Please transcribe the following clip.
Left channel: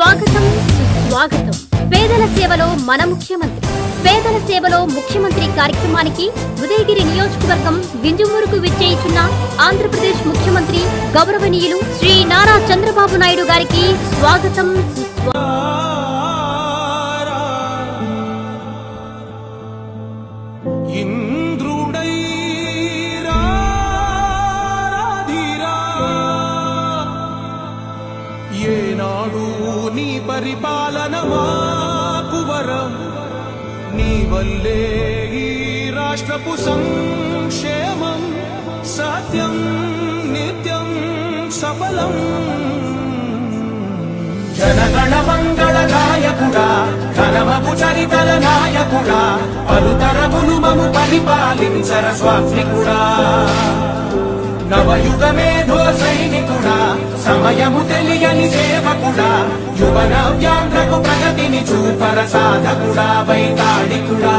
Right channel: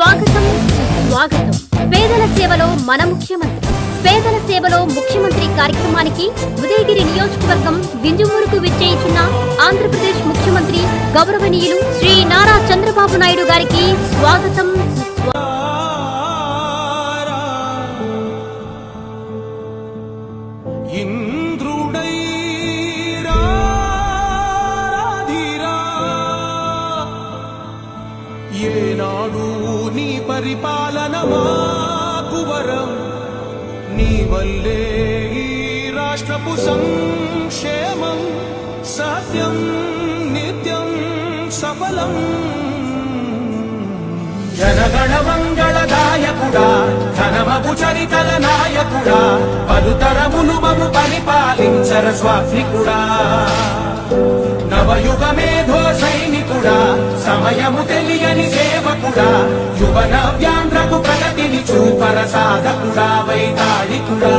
స్వాగతం సుస్వాగతం. పేదల సేవలో మన ముఖ్యమంత్రి, పేదల సేవలో ముఖ్యమంత్రి కార్యక్రమానికి ఉదయగిరి నియోజకవర్గం వింజమూరుకు విచ్చేయుచున్న ఆంధ్రప్రదేశ్ ముఖ్యమంత్రి గౌరవనీయులు శ్రీ నారా చంద్రబాబు నాయుడు గారికి స్వాగతం సుస్వాగతం. ఏనాడు నీ పరిపాలన మాకు వరం, నీ వల్లే ఈ రాష్ట్రపు సంక్షేమం సత్యం నిత్యం సఫలం. జనగణ మంగళ నాయకుడా, ఘనమపు చరితల నాయకుడా, పలుతరములు మము పరిపాలించర స్వామికుడా. నవయుగ మేధో సైనికుడా, సమయము తెలియని సేవకుడా, యువ నవ్యాంధ్రకు ప్రగతిని చూపర సాధకుడా, వైతాళికుడా.